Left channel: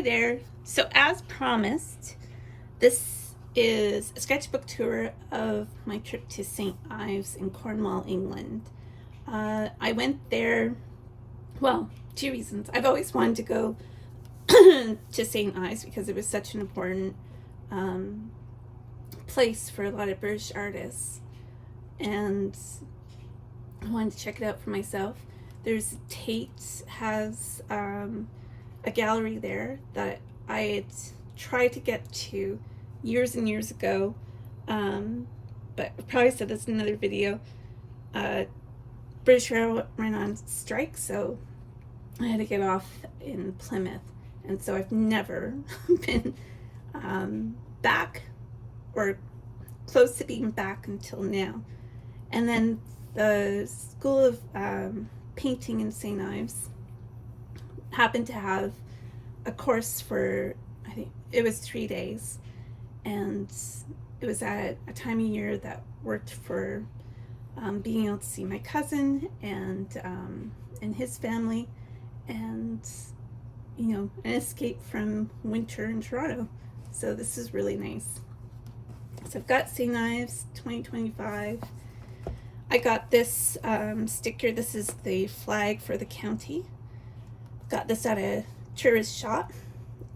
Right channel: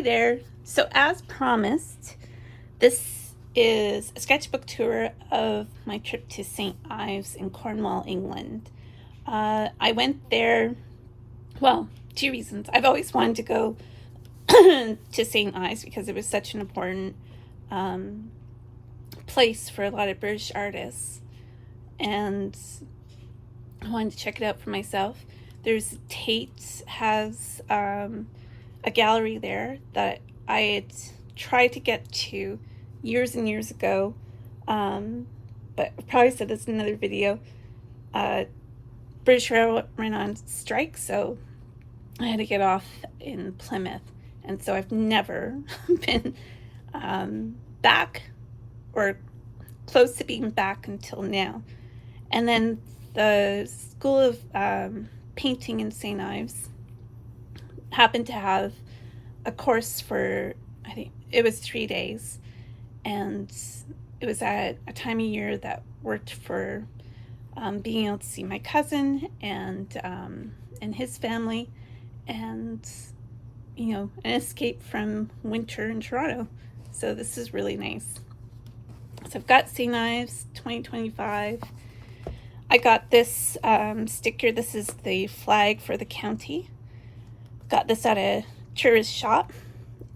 Hi there. So as promised, this is a sketchbook tour of my trip to St. Ives in Cornwall, England. I went there, well, two reasons. I've always wanted to go to St. Ives because it was such an important place for a lot of British artists, and I wanted to check it out for myself. There's Tate has a gallery there that I had tried to get to years and years ago, but I probably said this in another video. British Rail went on strike, so I had to get off in Plymouth, and so I've never been back or close to being back until now. And then the School of Painting in St. Ives happened to have a course for, I think it was 3 days, and it was at a time of year that worked for being able to see my cousin and his family, and an escape from winter in Toronto. So this is really nice. So I've got St. Ives 2025. I got this sticker. This is the flag for the county. Got this at a tourist shop,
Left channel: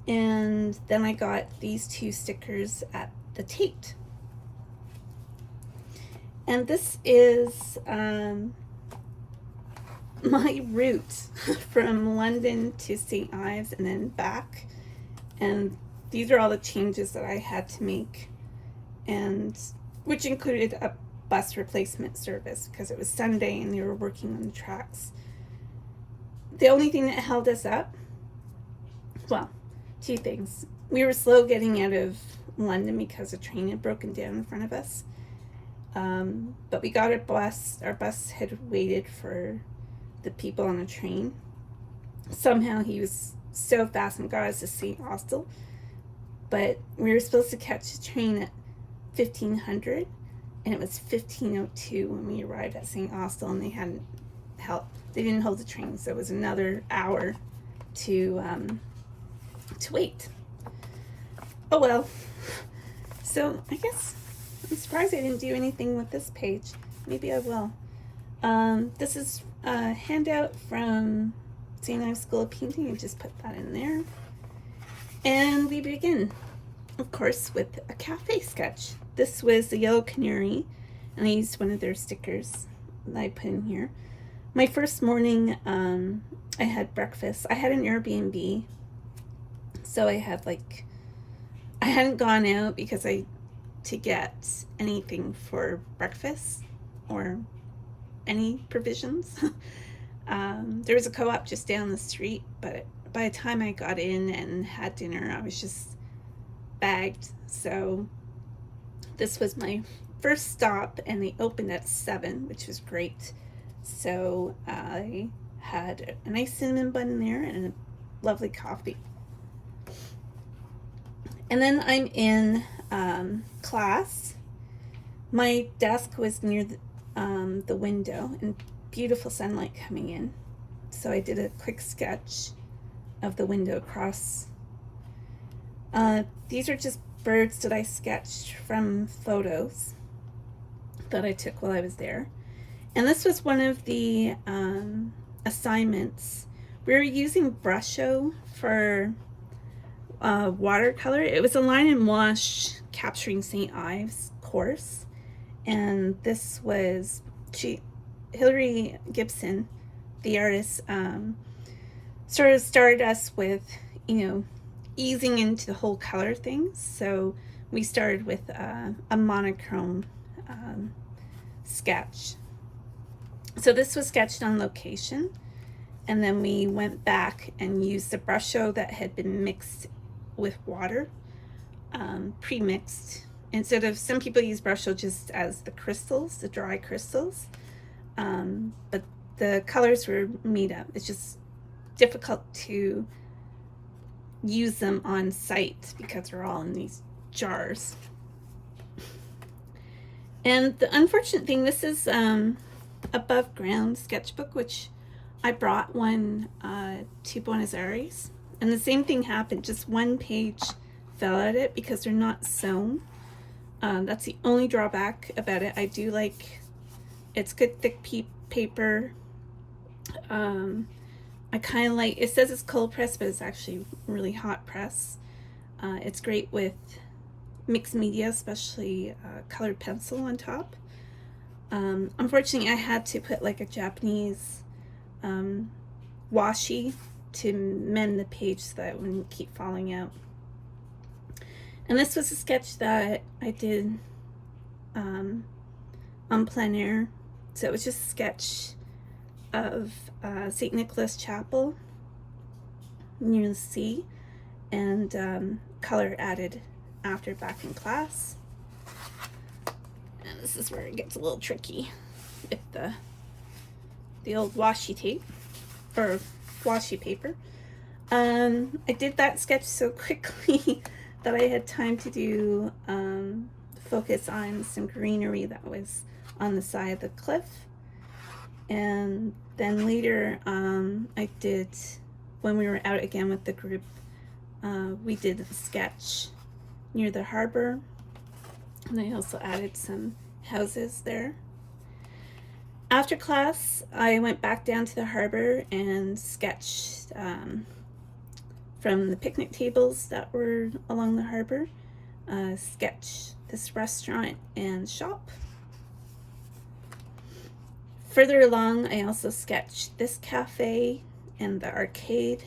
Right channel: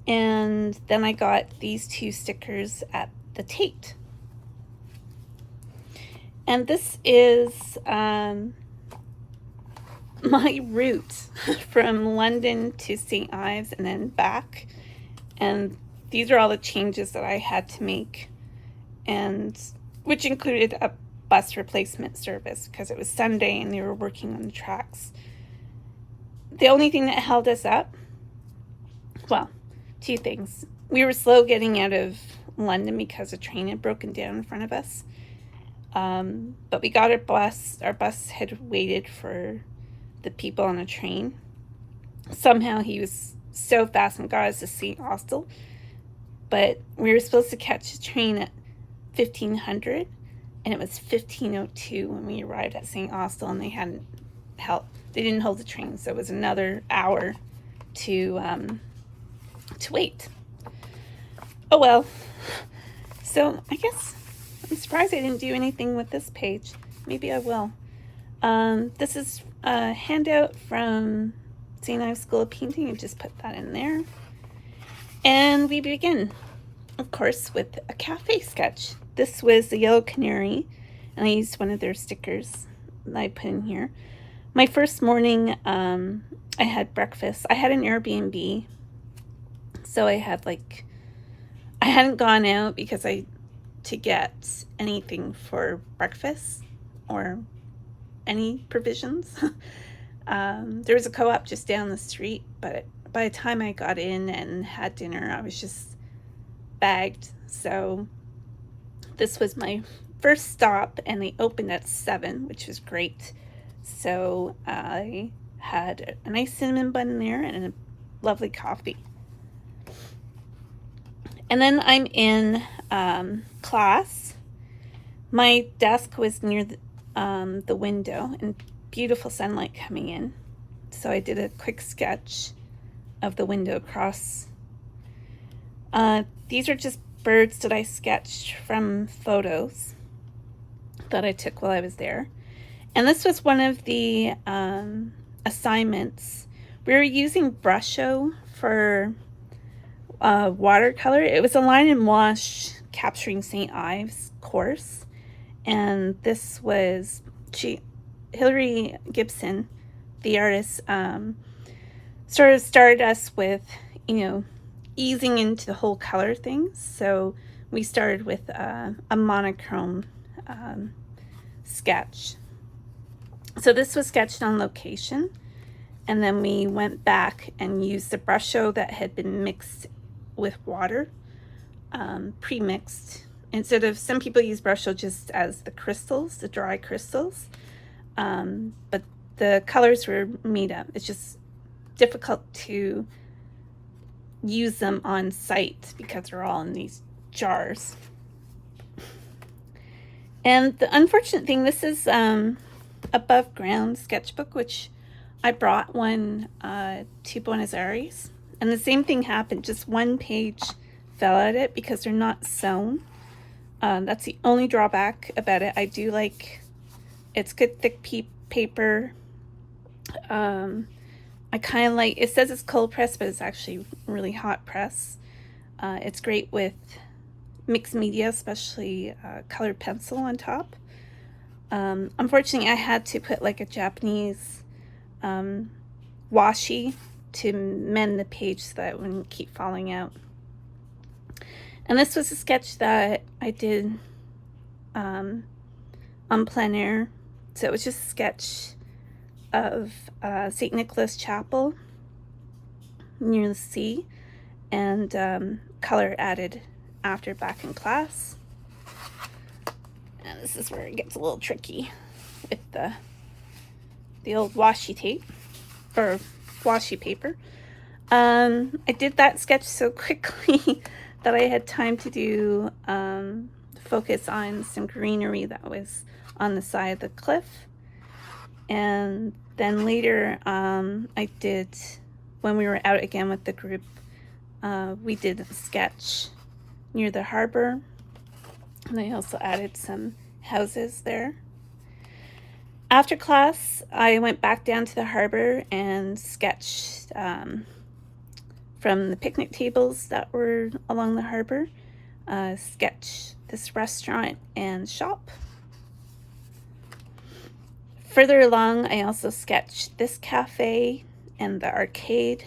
and then I got these two stickers at the Tate. And this is my route from London to St. Ives and then back. And these are all the changes that I had to make, and which included a bus replacement service because it was Sunday and they were working on the tracks. The only thing that held us up, well, two things. We were slow getting out of London because a train had broken down in front of us. But we got our bus. Our bus had waited for the people on the train. Somehow he was so fast and got us to St. Austell. But we were supposed to catch a train at 1500, and it was 1502 when we arrived at St. Austell, and they didn't hold the train, so it was another hour to wait. Oh well. So I guess I'm surprised I didn't do anything with this page. Maybe I will. This is a handout from St. Ives School of Painting. I just put that in there. And we begin, of course, with a cafe sketch. This was the Yellow Canary, and I used one of their stickers that I put in here. My first morning, I had breakfast. I had an Airbnb, so I hadn't gone out because to get anything for breakfast or any provisions. There was a co-op just down the street, but by the time I got in and had dinner, I was just bagged. So this was my first stop, and they opened at 7, which was great. So I had a nice cinnamon bun there and a lovely coffee. And then I'm in class. My desk was near the window and beautiful sunlight coming in. So I did a quick sketch of the window across. These are just birds that I sketched from photos that I took while I was there. And this was one of the assignments. We were using Brusho for watercolor. It was a line and wash capturing St. Ives course, and this was Hilary Gibson, the artist, sort of started us with easing into the whole color thing. So we started with a monochrome sketch. So this was sketched on location, and then we went back and used the Brusho that had been mixed with water, pre-mixed. Instead of, some people use Brusho just as the crystals, the dry crystals, but the colors were made up. It's just difficult to use them on site because they're all in these jars. And the unfortunate thing, this is above ground sketchbook, which I brought one to Buenos Aires And the same thing happened, just one page fell out of it because they're not sewn. That's the only drawback about it. I do like, it's good thick paper. I kind of like, it says it's cold press, but it's actually really hot press. It's great with mixed media, especially colored pencil on top. Unfortunately, I had to put like a Japanese washi to mend the page so that it wouldn't keep falling out. And this was a sketch that I did on plein air. So it was just a sketch of St. Nicholas Chapel near the sea, and color added after back in class. And this is where it gets a little tricky with the old washi tape, or washi paper. I did that sketch so quickly that I had time to do focus on some greenery that was on the side of the cliff. And then later I did, when we were out again with the group, we did a sketch near the harbor, and I also added some houses there. After class, I went back down to the harbor and sketched from the picnic tables that were along the harbor, sketch this restaurant and shop. Further along, I also sketched this cafe and the arcade.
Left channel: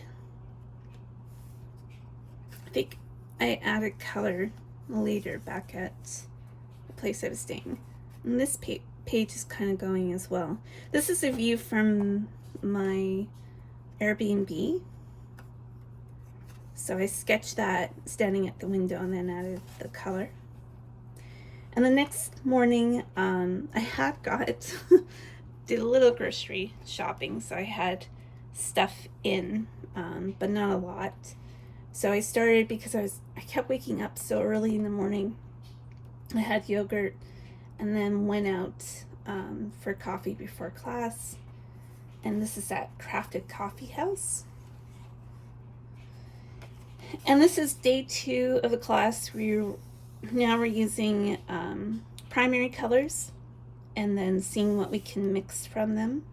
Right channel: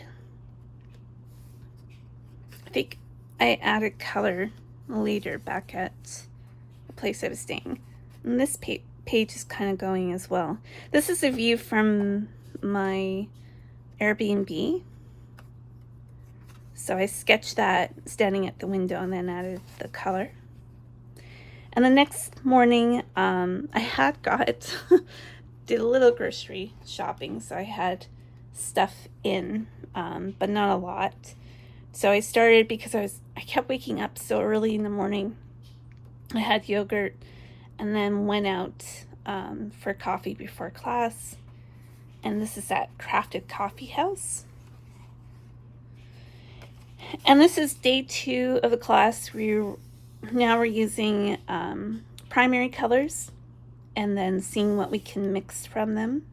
I think I added color later back at the place I was staying. And this page is kind of going as well. This is a view from my Airbnb. So I sketched that standing at the window and then added the color. And the next morning, I had did a little grocery shopping, so I had stuff in, but not a lot. So I started, because I kept waking up so early in the morning. I had yogurt and then went out for coffee before class. And this is at Crafted Coffee House. And this is day 2 of the class. Now we're using primary colors and then seeing what we can mix from them.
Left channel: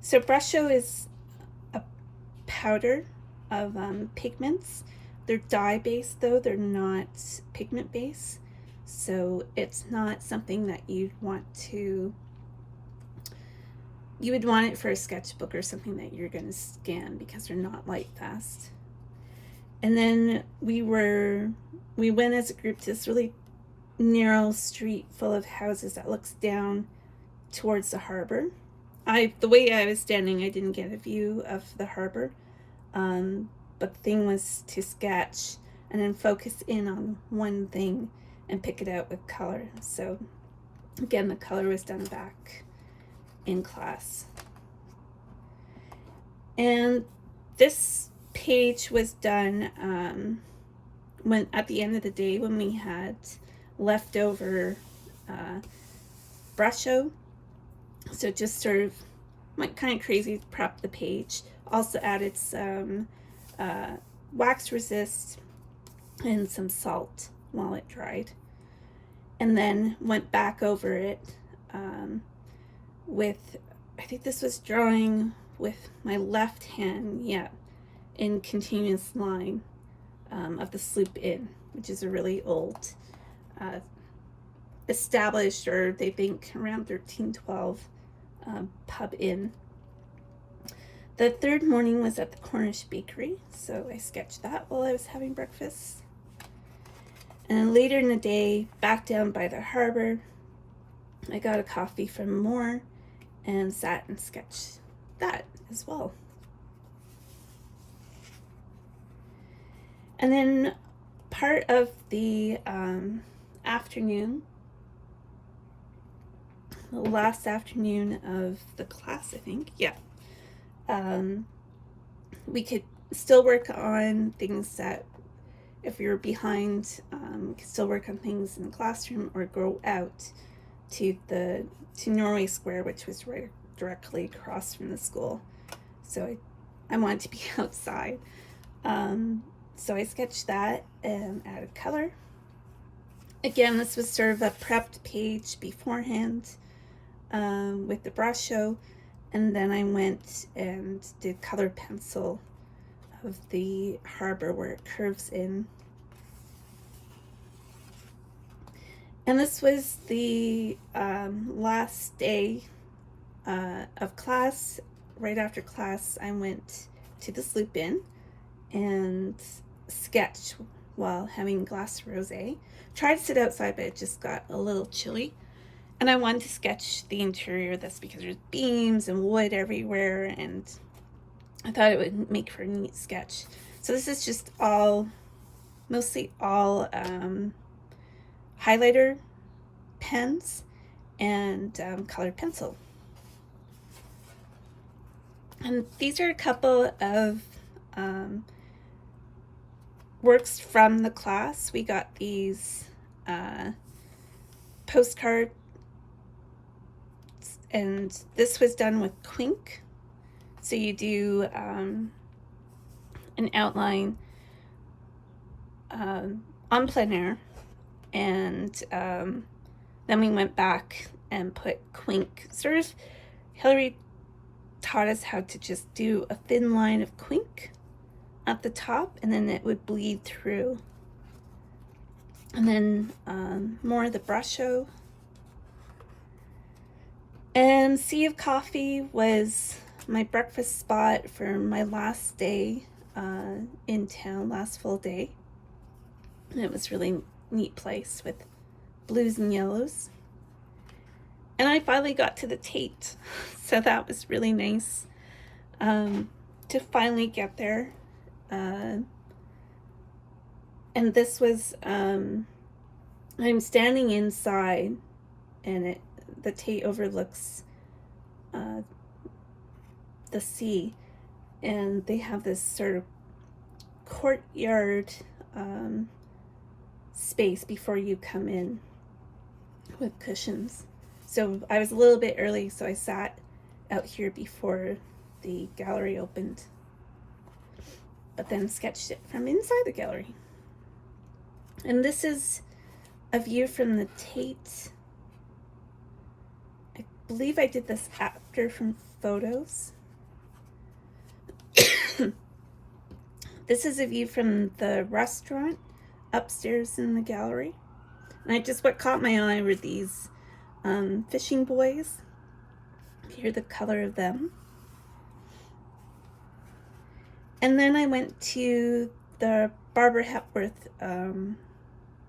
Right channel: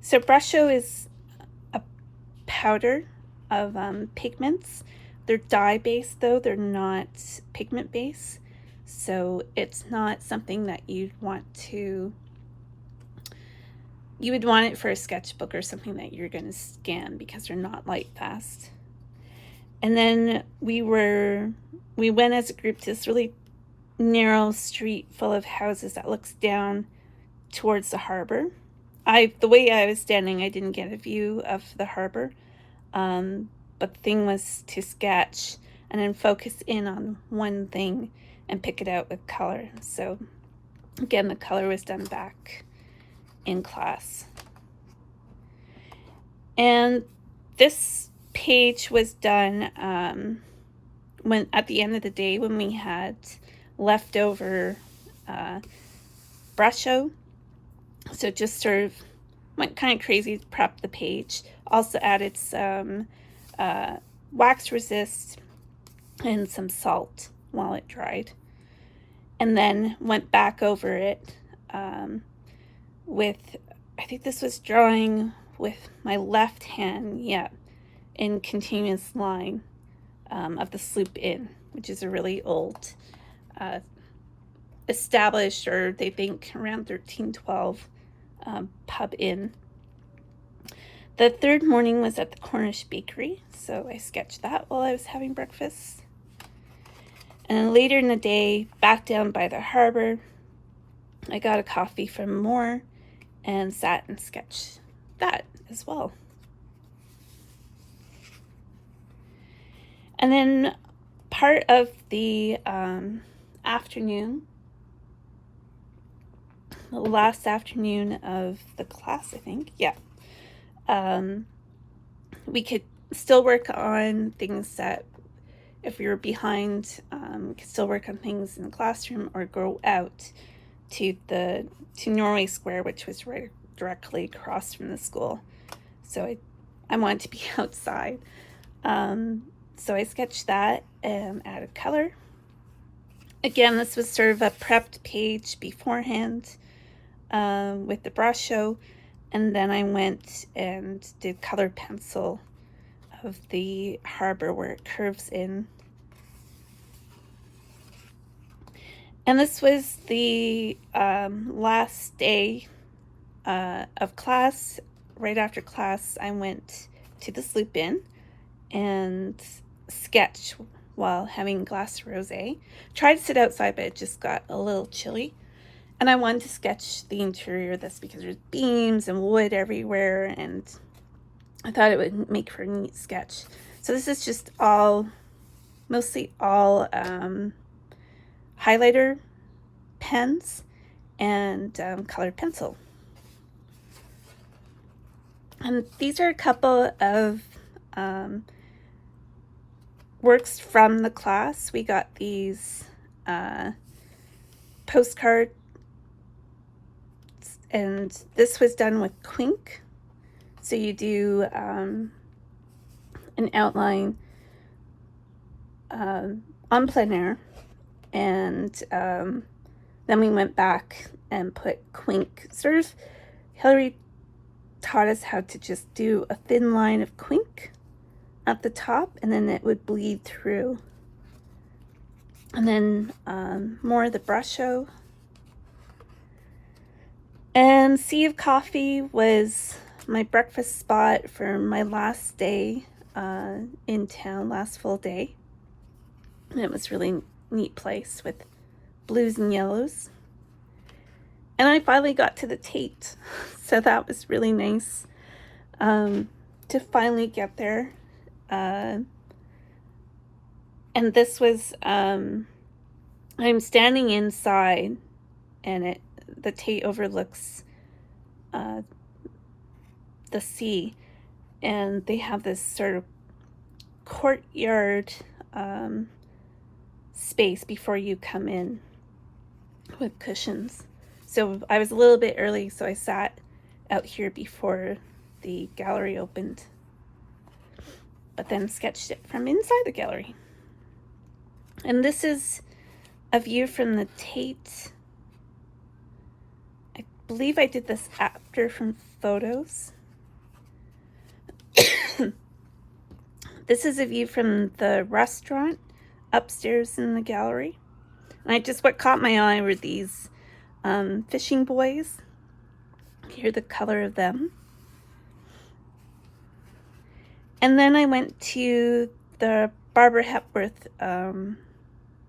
So brusho is a powder of pigments. They're dye-based though, they're not pigment-based. So it's not something that you would want it for a sketchbook or something that you're gonna scan, because they're not light fast. And then we went as a group to this really narrow street full of houses that looks down towards the harbor. The way I was standing, I didn't get a view of the harbor, but the thing was to sketch and then focus in on one thing and pick it out with color. So again, the color was done back in class. And this page was done when at the end of the day, when we had leftover brusho. So just sort of went kind of crazy to prep the page. Also added some wax resist and some salt while it dried. And then went back over it with, I think this was drawing with my left hand, in continuous line of the sloop inn, which is a really old established, or they think around 1312 pub inn. The third morning was at the Cornish bakery, so I sketched that while I was having breakfast. And later in the day, back down by the harbor, I got a coffee from Moore and sat and sketched that as well. And then part of the afternoon, the last afternoon of the class, I think, we could still work on things that, if we were behind, we could still work on things in the classroom or go out to Norway Square, which was right directly across from the school. So I wanted to be outside. So I sketched that and added color. Again, this was sort of a prepped page beforehand with the brush show, and then I went and did colored pencil of the harbor where it curves in. And this was the last day of class. Right after class, I went to the Sloop Inn and sketched while having a glass of rosé. Tried to sit outside, but it just got a little chilly. And I wanted to sketch the interior of this because there's beams and wood everywhere, and I thought it would make for a neat sketch. So this is just mostly all highlighter pens and colored pencil. And these are a couple of works from the class. We got these postcards, and this was done with Quink. So you do an outline on plein air, and then we went back and put Quink. Sort of, Hilary taught us how to just do a thin line of Quink at the top, and then it would bleed through. And then more of the brush show. And Sea of Coffee was my breakfast spot for my last day in town, last full day. And it was really neat place with blues and yellows. And I finally got to the Tate, so that was really nice to finally get there. And this was, I'm standing inside, and the Tate overlooks the sea, and they have this sort of courtyard space before you come in with cushions. So I was a little bit early, so I sat out here before the gallery opened, but then sketched it from inside the gallery. And this is a view from the Tate. I believe I did this after from photos. This is a view from the restaurant upstairs in the gallery. And what caught my eye were these fishing buoys. Here's the color of them. And then I went to the Barbara Hepworth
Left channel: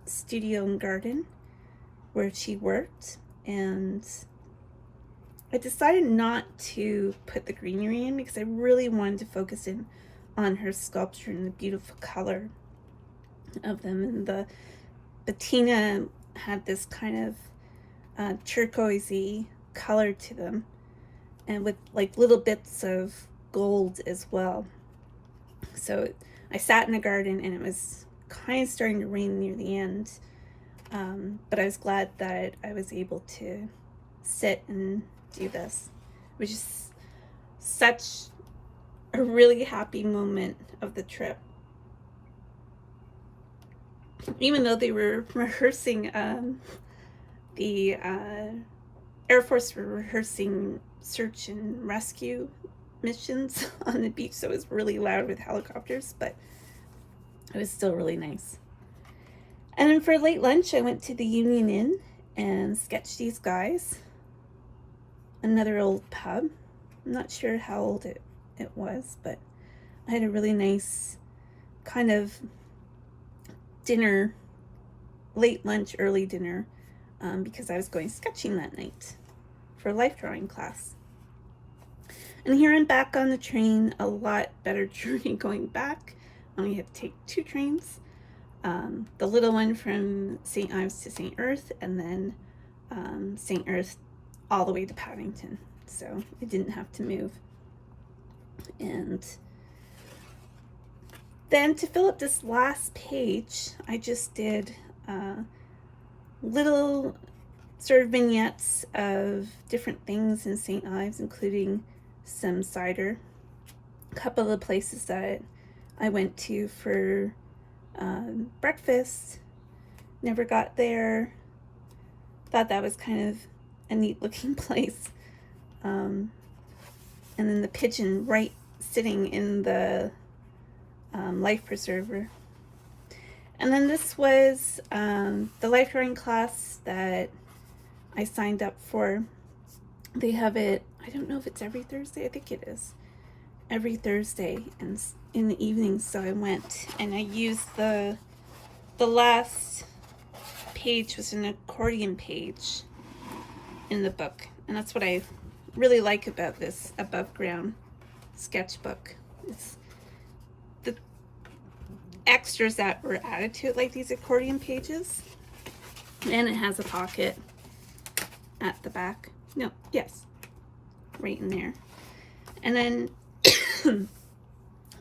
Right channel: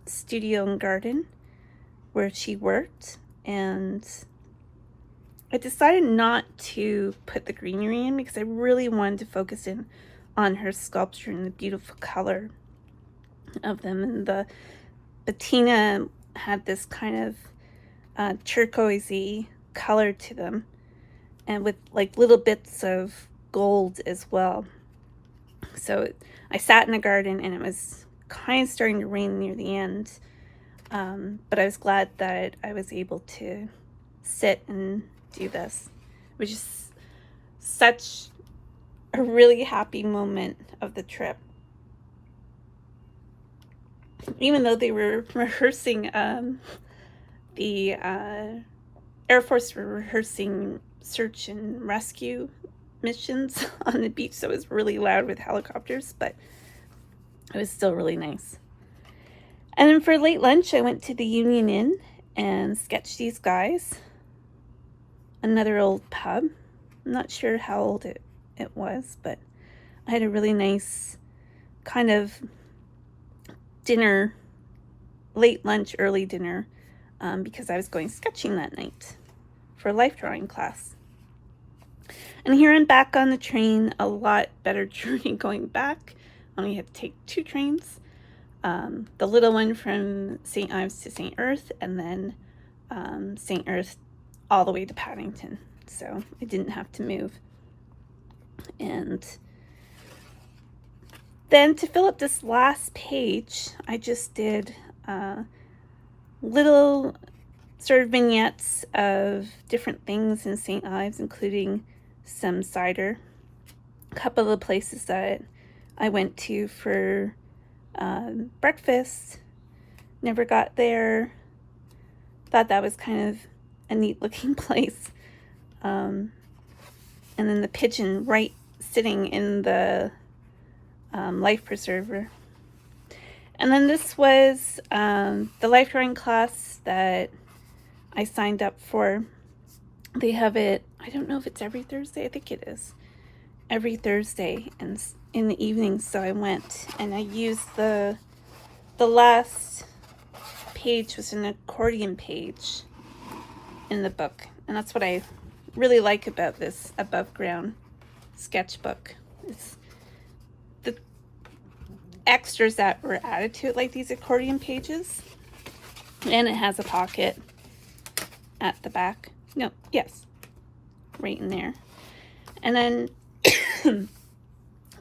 studio and garden where she worked, and I decided not to put the greenery in because I really wanted to focus in on her sculpture and the beautiful color of them. And the patina had this kind of turquoisey color to them, and with like little bits of gold as well. So I sat in the garden, and it was kind of starting to rain near the end, but I was glad that I was able to sit and do this, which is such a really happy moment of the trip. Even though they were rehearsing, the Air Force were rehearsing search and rescue missions on the beach, so it was really loud with helicopters, but it was still really nice. And then for late lunch, I went to the Union Inn and sketched these guys. Another old pub. I'm not sure how old it was, but I had a really nice kind of dinner, late lunch, early dinner, because I was going sketching that night for a life drawing class. And here I'm back on the train, a lot better journey going back. Only had to take 2 trains. The little one from St. Ives to St. Earth, and then St. Earth all the way to Paddington. So I didn't have to move. And then to fill up this last page, I just did little sort of vignettes of different things in St. Ives, including some cider. A couple of the places that I went to for breakfast. Never got there. Thought that was kind of a neat looking place. And then the pigeon right sitting in the life preserver. And then this was the life drawing class that I signed up for. They have it, I don't know if it's every Thursday, I think it is. Every Thursday and in the evening, so I went and I used the last page was an accordion page in the book, and that's what I really like about this above ground sketchbook. It's the extras that were added to it, like these accordion pages, and it has a pocket at the back. No, yes, right in there. And then the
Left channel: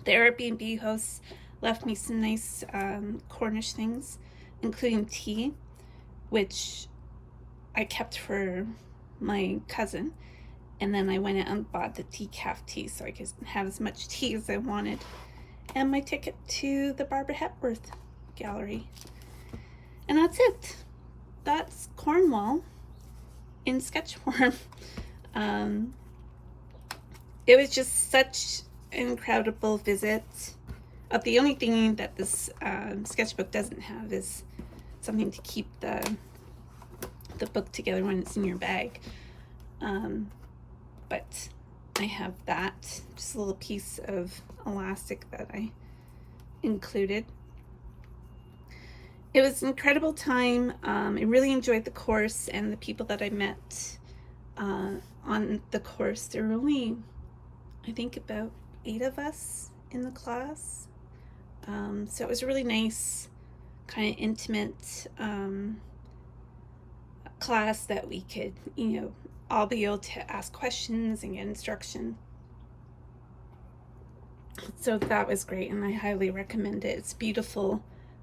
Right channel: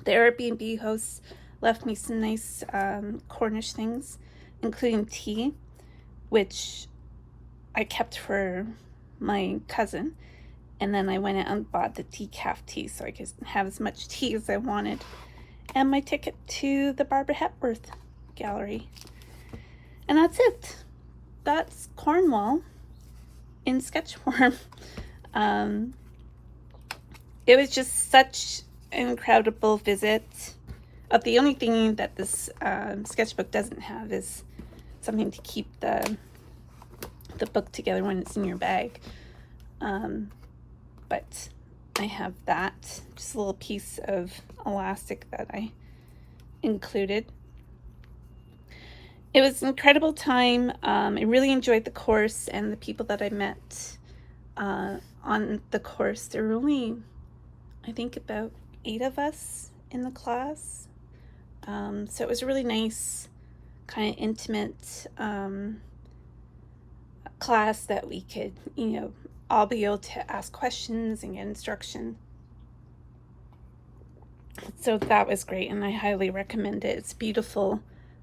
Airbnb host left me some nice Cornish things, including tea, which I kept for my cousin. And then I went out and bought the decaf tea so I could have as much tea as I wanted. And my ticket to the Barbara Hepworth Gallery. And that's it. That's Cornwall in sketch form. It was just such an incredible visit. The only thing that this sketchbook doesn't have is something to keep the book together when it's in your bag. But I have that, just a little piece of elastic that I included. It was an incredible time. I really enjoyed the course and the people that I met on the course. There were only, I think, about 8 of us in the class. So it was a really nice, kind of intimate class that we could, all be able to ask questions and get instruction. So that was great, and I highly recommend it. It's a beautiful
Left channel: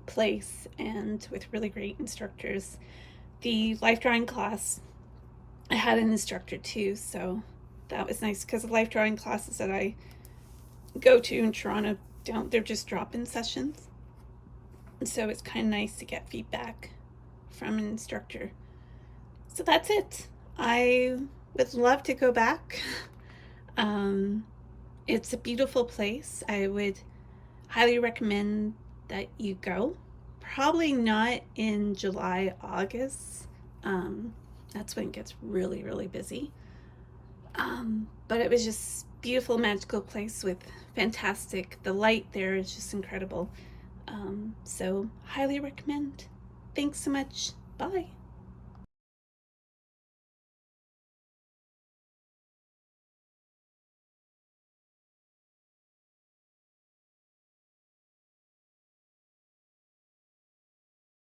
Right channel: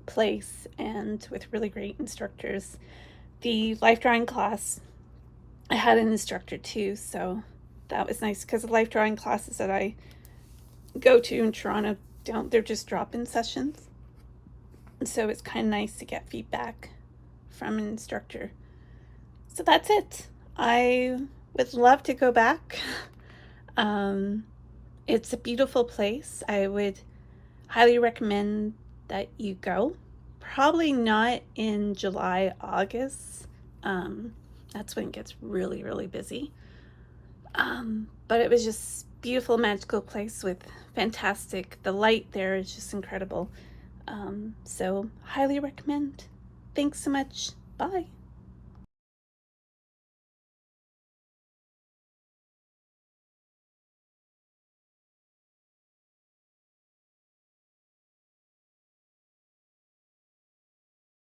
place and with really great instructors. The life drawing class, I had an instructor too, so that was nice, because the life drawing classes that I go to in Toronto they're just drop-in sessions. So it's kind of nice to get feedback from an instructor. So that's it. I would love to go back. It's a beautiful place. I would highly recommend that you go. Probably not in July, August. That's when it gets really, really busy. But it was just beautiful, magical place with fantastic, the light there is just incredible. So highly recommend. Thanks so much. Bye.